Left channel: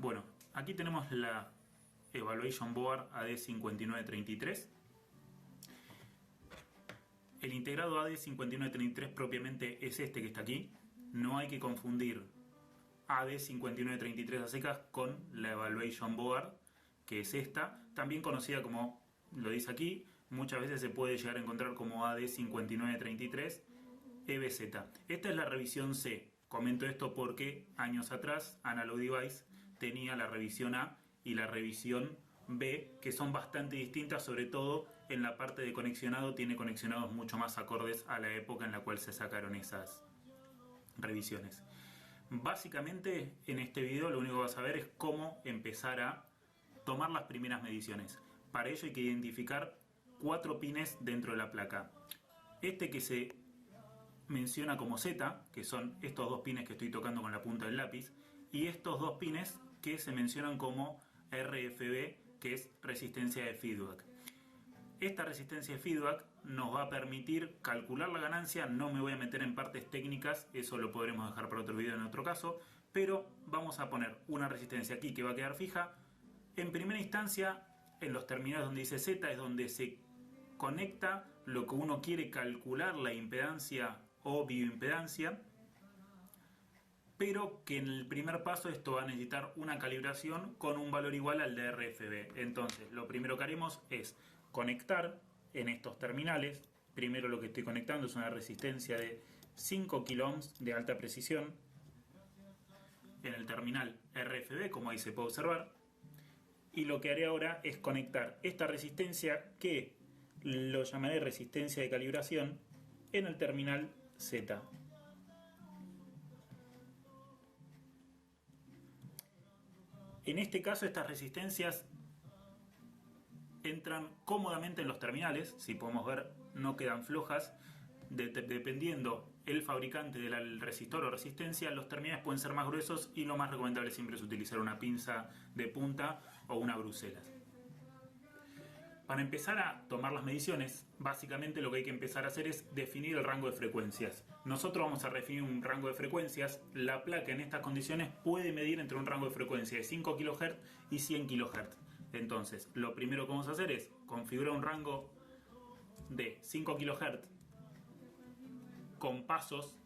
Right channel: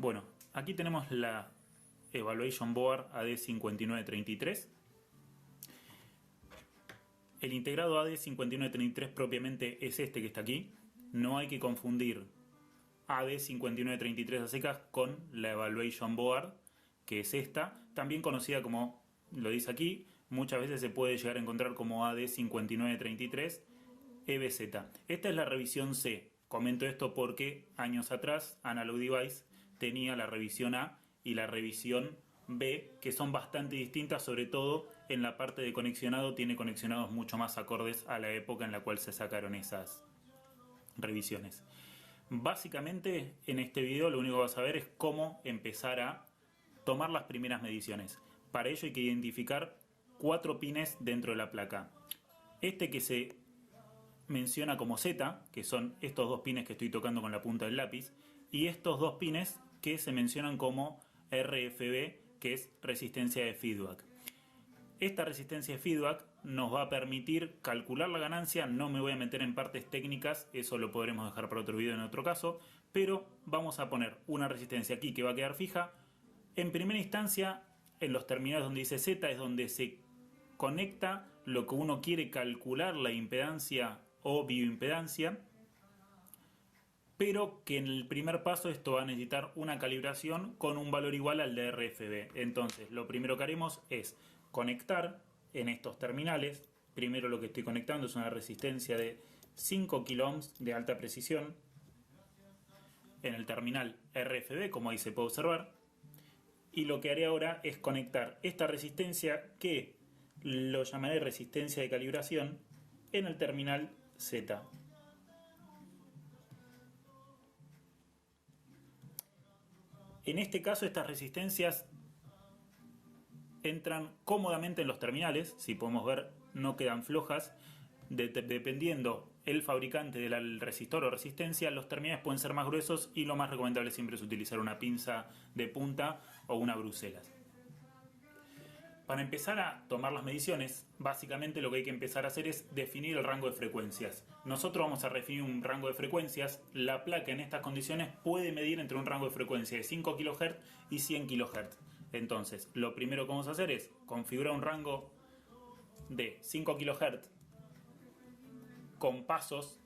Bueno, aquí tenemos la Evaluation Board AD5933. El integrado AD5933 propiamente es este que está aquí. No hay que confundir AD5933 a secas con la Evaluation Board, que es esta, también conocida como, lo dice aquí, muchas veces se puede llegar a encontrar como AD5933 EBZ. Esta es la revisión C. Comento esto porque años atrás Analog Device tenía la revisión A y la revisión B, que son bastante distintas, sobre todo en la parte de conexionado. Tiene conexionados mucho más acordes a la época en la cual se sacaron esas revisiones. Básicamente en este video lo único que vas a ver es cómo empezar a tomar las primeras mediciones. Para ello hay que identificar 4 pines dentro de la placa. Este que se menciona como Z, que son estos 2 pines que estoy tocando con la punta del lápiz, y estos 2 pines que se mencionan como RFB, que es resistencia de feedback. Esta resistencia de feedback nos va a permitir calcular la ganancia. No me voy a meter en partes técnicas, eso lo podremos dejar para otro video en otro caso, pero vamos a poner una resistencia aquí que va a quedar fija. En primera instancia, en los terminales donde dice Z es donde se conecta lo que uno quiere calcular, la impedancia o bioimpedancia, pero que en el primer paso esto va a necesitar una calibración con un valor igual al de RFB. Entonces lo primero que haremos es conectar en estos terminales. Primero lo que estoy conectando es una resistencia de 5 kΩ de alta precisión en el terminal RFB, como ahí se puede observar, y lo que haré ahora es conectar esta resistencia, que lo llamaré resistencia de calibración, en el terminal Z. En este caso estas resistencias entran cómodamente en los terminales. Si podemos ver, no quedan flojas. Dependiendo el fabricante del resistor o resistencia, los terminales pueden ser más gruesos y lo más recomendable siempre es utilizar una pinza de punta o una Bruselas. Para empezar a tomar las mediciones, básicamente lo que hay que empezar a hacer es definir el rango de frecuencias. Nosotros vamos a definir un rango de frecuencias. La placa en estas condiciones puede medir entre un rango de frecuencia de 5 kHz y 100 kHz. Entonces, lo primero que vamos a hacer es configurar un rango de 5 kHz con pasos.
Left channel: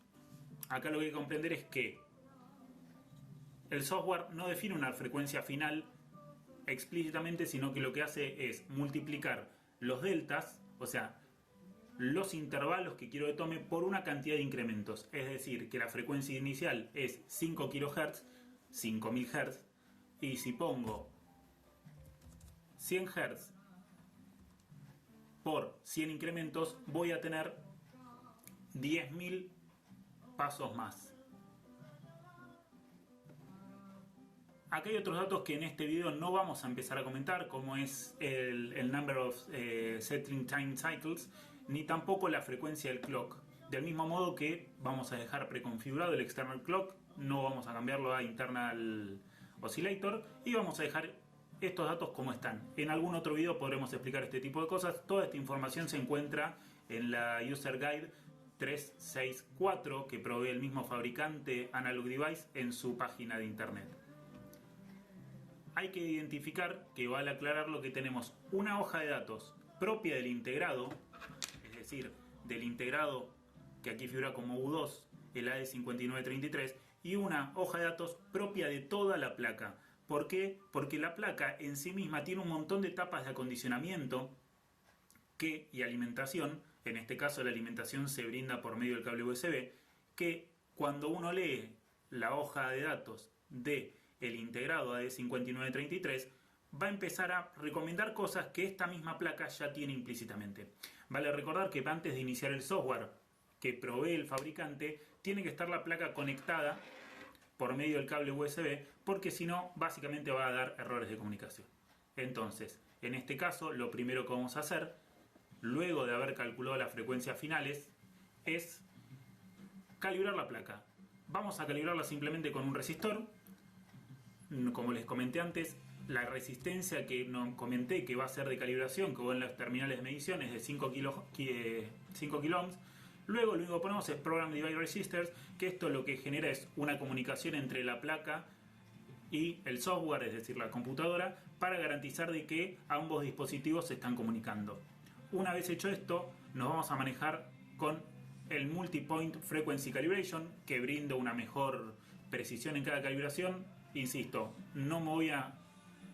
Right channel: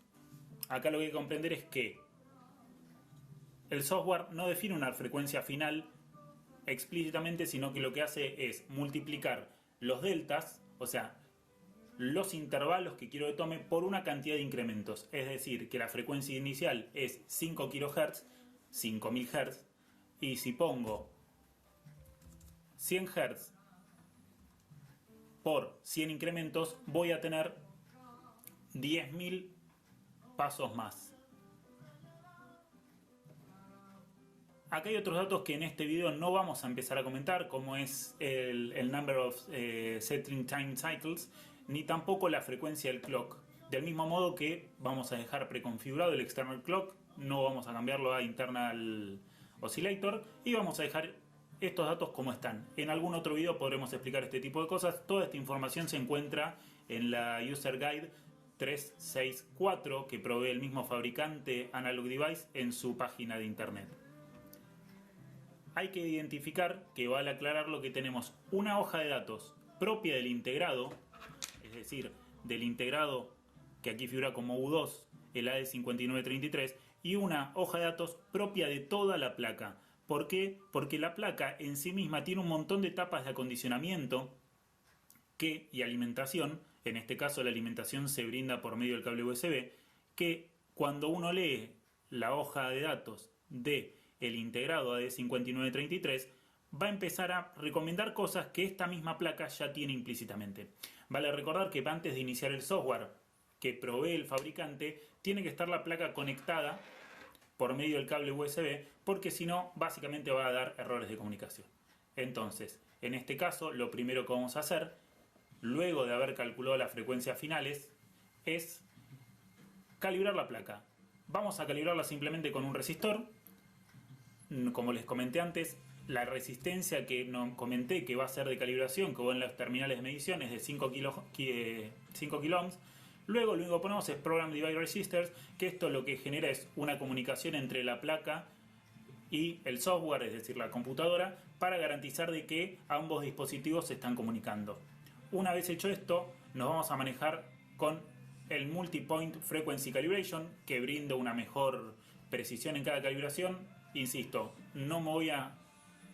Acá lo que hay que comprender es que el software no define una frecuencia final explícitamente, sino que lo que hace es multiplicar los deltas, o sea, los intervalos que quiero que tome, por una cantidad de incrementos. Es decir, que la frecuencia inicial es 5 kHz, 5000 Hz, y si pongo 100 Hz por 100 incrementos, voy a tener 10.000 pasos más. Acá hay otros datos que en este video no vamos a empezar a comentar, como es el number of setting time cycles, ni tampoco la frecuencia del clock. Del mismo modo que vamos a dejar preconfigurado el external clock, no vamos a cambiarlo a internal oscillator, y vamos a dejar estos datos como están. En algún otro video podremos explicar este tipo de cosas. Toda esta información se encuentra en la User Guide 364 que provee el mismo fabricante Analog Device en su página de internet. Hay que identificar, que vale aclararlo, que tenemos una hoja de datos propia del integrado, es decir, del integrado que aquí figura como U2, el AD5933, y una hoja de datos propia de toda la placa. ¿Por qué? Porque la placa en sí misma tiene un montón de etapas de acondicionamiento y alimentación. En este caso la alimentación se brinda por medio del cable USB, que cuando uno lee la hoja de datos de el integrado de 5933 va a empezar a recomendar cosas que esta misma placa ya tiene implícitamente. Vale recordar que antes de iniciar el software que provee el fabricante, tiene que estar la placa conectada por medio del cable USB, porque si no, básicamente va a dar errores de comunicación. Entonces, en este caso, lo primero que vamos a hacer, luego de haber calculado las frecuencias finales, es calibrar la placa. Vamos a calibrarla simplemente con un resistor. Como les comenté antes, la resistencia que no comenté que va a ser de calibración, que va en los terminales de medición, es de 5 kΩ. Luego lo único que ponemos es Program Device Resistors, que esto lo que genera es una comunicación entre la placa y el software, es decir, la computadora, para garantizar de que ambos dispositivos se están comunicando. Una vez hecho esto, nos vamos a manejar con el Multi-Point Frequency Calibration, que brinda una mejor precisión en cada calibración. Insisto, no me voy a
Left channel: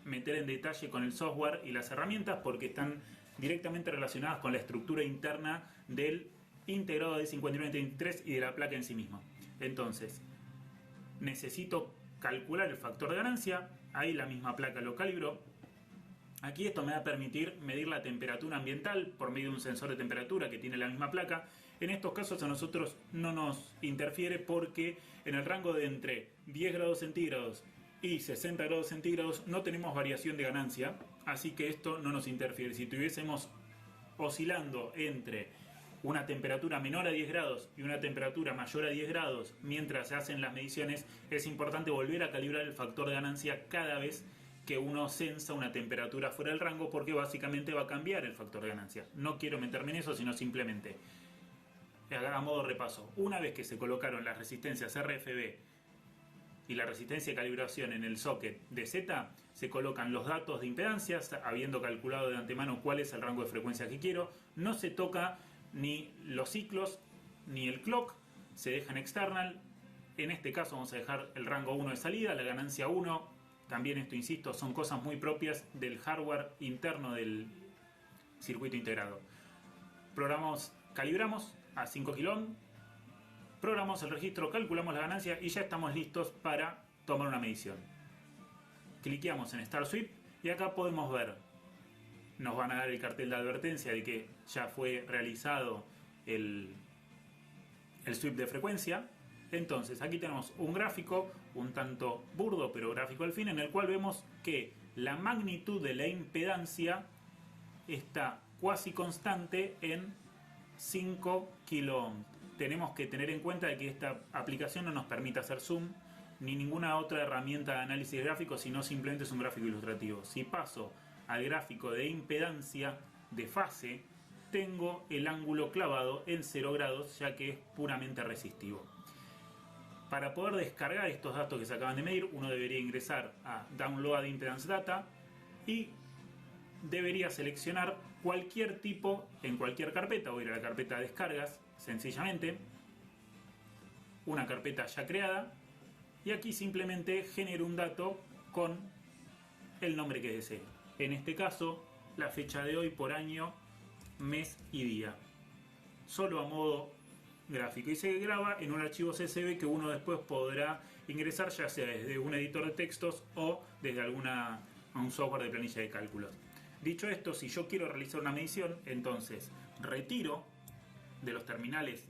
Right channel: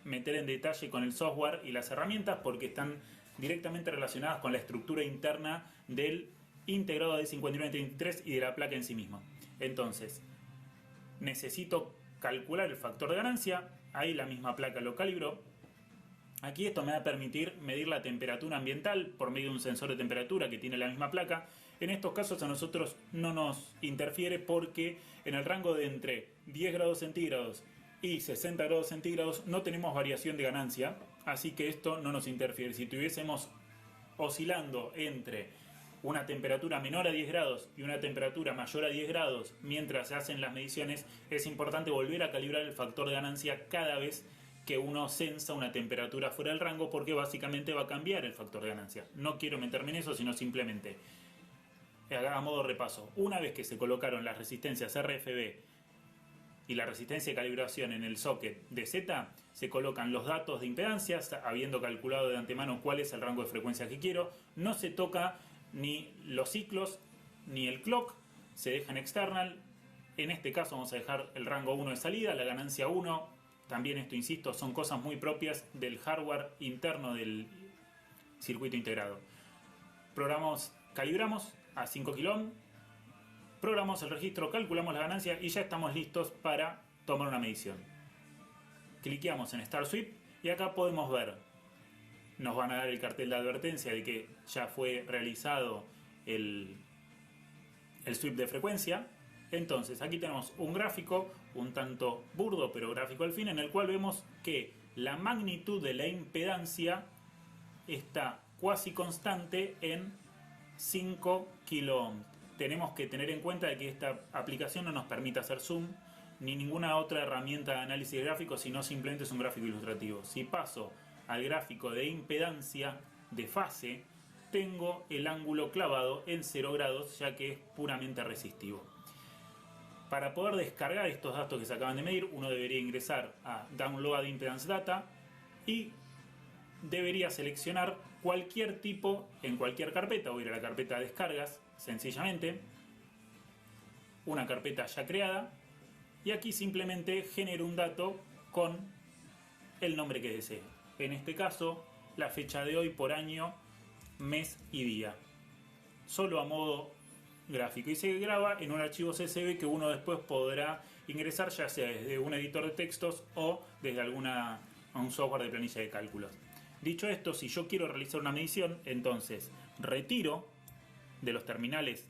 meter en detalle con el software y las herramientas porque están directamente relacionadas con la estructura interna del integrado de 5933 y de la placa en sí misma. Entonces, necesito calcular el factor de ganancia, ahí la misma placa lo calibró. Aquí esto me va a permitir medir la temperatura ambiental por medio de un sensor de temperatura que tiene la misma placa. En estos casos a nosotros no nos interfiere porque en el rango de entre 10 grados centígrados y 60 grados centígrados no tenemos variación de ganancia, así que esto no nos interfiere. Si estuviésemos oscilando entre una temperatura menor a 10 grados y una temperatura mayor a 10 grados mientras se hacen las mediciones, es importante volver a calibrar el factor de ganancia cada vez que uno sensa una temperatura fuera del rango, porque básicamente va a cambiar el factor de ganancia. No quiero meterme en eso, sino simplemente a modo repaso. Una vez que se colocaron las resistencias RFB y la resistencia de calibración en el socket de Z, se colocan los datos de impedancias, habiendo calculado de antemano cuál es el rango de frecuencia que quiero. No se toca ni los ciclos ni el clock, se dejan external. En este caso vamos a dejar el rango 1 de salida, la ganancia 1. También esto, insisto, son cosas muy propias del hardware interno del circuito integrado. Calibramos a 5 kΩ, programamos el registro, calculamos la ganancia y ya estamos listos para tomar una medición. Cliqueamos en Start Sweep y acá podemos ver, nos van a dar el cartel de advertencia de que ya fue realizado el sweep de frecuencia. Entonces aquí tenemos un gráfico un tanto burdo pero gráfico al fin, en el cual vemos que la magnitud de la impedancia está cuasi constante en 5 kΩ. Tenemos que tener en cuenta de que esta aplicación no nos permite hacer zoom ni ninguna otra herramienta de análisis gráfico, sino simplemente es un gráfico ilustrativo. Si paso al gráfico de impedancia de fase, tengo el ángulo clavado en 0 grados, ya que es puramente resistivo. Para poder descargar estos datos que se acaban de medir, uno debería ingresar a Download Impedance Data y debería seleccionar cualquier tipo en cualquier carpeta, o ir a la carpeta de descargas, sencillamente, una carpeta ya creada, y aquí simplemente genero un dato con el nombre que desee. En este caso, la fecha de hoy por año, mes y día. Solo a modo gráfico, y se graba en un archivo CSV que uno después podrá ingresar ya sea desde un editor de textos o desde un software de planilla de cálculos. Dicho esto, si yo quiero realizar una medición, entonces retiro de los terminales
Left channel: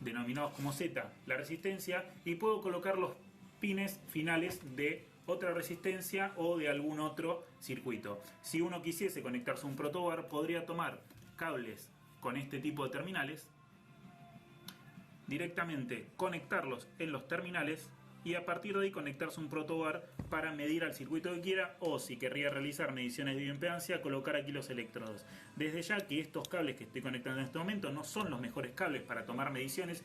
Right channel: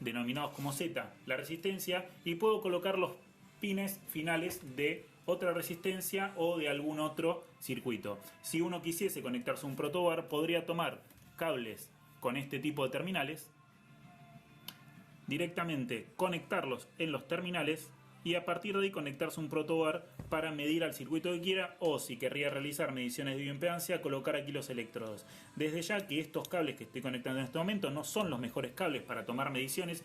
denominados como Z la resistencia y puedo colocar los pines finales de otra resistencia o de algún otro circuito. Si uno quisiese conectarse a un protobar, podría tomar cables con este tipo de terminales, directamente conectarlos en los terminales y a partir de ahí conectarse a un protobar para medir al circuito que quiera, o si querría realizar mediciones de bioimpedancia, colocar aquí los electrodos. Desde ya que estos cables que estoy conectando en este momento no son los mejores cables para tomar mediciones,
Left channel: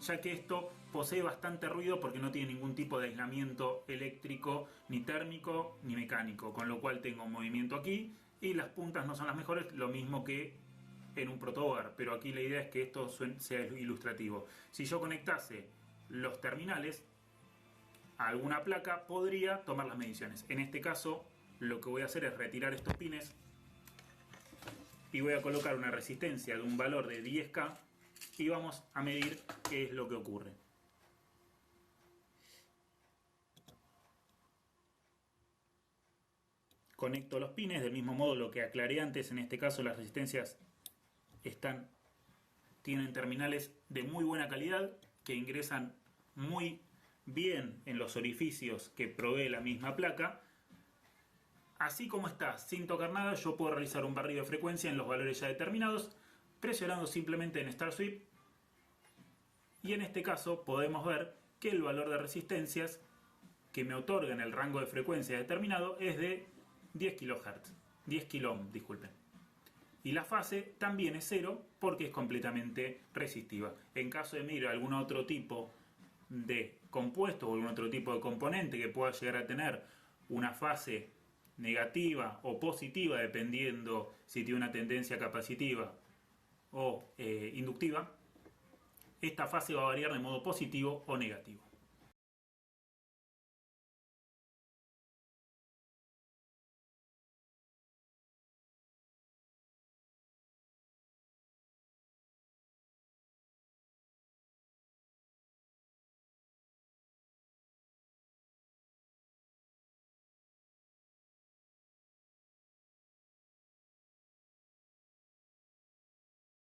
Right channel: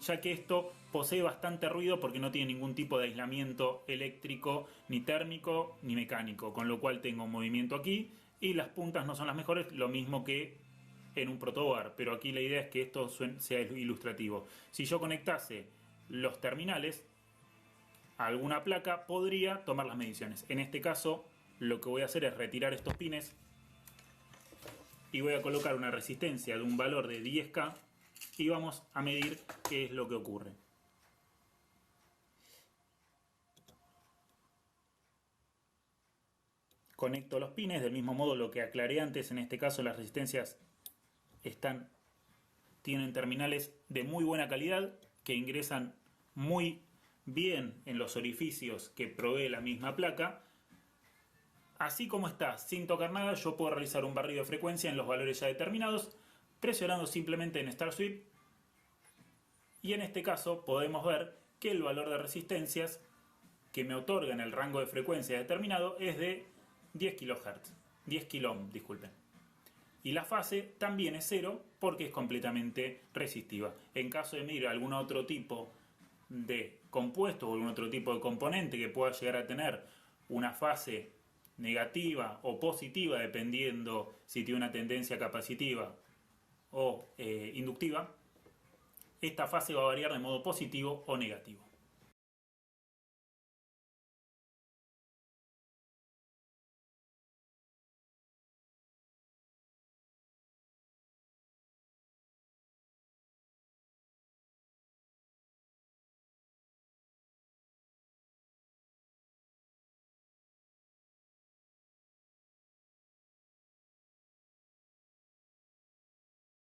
ya que esto posee bastante ruido porque no tiene ningún tipo de aislamiento eléctrico, ni térmico, ni mecánico, con lo cual tengo movimiento aquí y las puntas no son las mejores, lo mismo que en un protobar, pero aquí la idea es que esto sea ilustrativo. Si yo conectase los terminales a alguna placa, podría tomar las mediciones. En este caso, lo que voy a hacer es retirar estos pines y voy a colocar una resistencia de un valor de 10K y vamos a medir qué es lo que ocurre. Conecto los pines, del mismo modo lo que aclaré antes, en este caso las resistencias tienen terminales de muy buena calidad que ingresan muy bien en los orificios que provee la misma placa. Así como está, sin tocar nada, yo puedo realizar un barrido de frecuencia en los valores ya determinados, presionando simplemente en Start Sweep, y en este caso podemos ver que el valor de resistencias que me otorgan el rango de frecuencia determinado es de 10 kHz, 10 kΩ, disculpen. Y la fase también es 0 porque es completamente resistiva. En caso de medir algún otro tipo de compuesto o algún otro tipo de componente que pueda llegar a tener una fase negativa o positiva, dependiendo si tiene una tendencia capacitiva o inductiva, esta fase va a variar de modo positivo o negativo.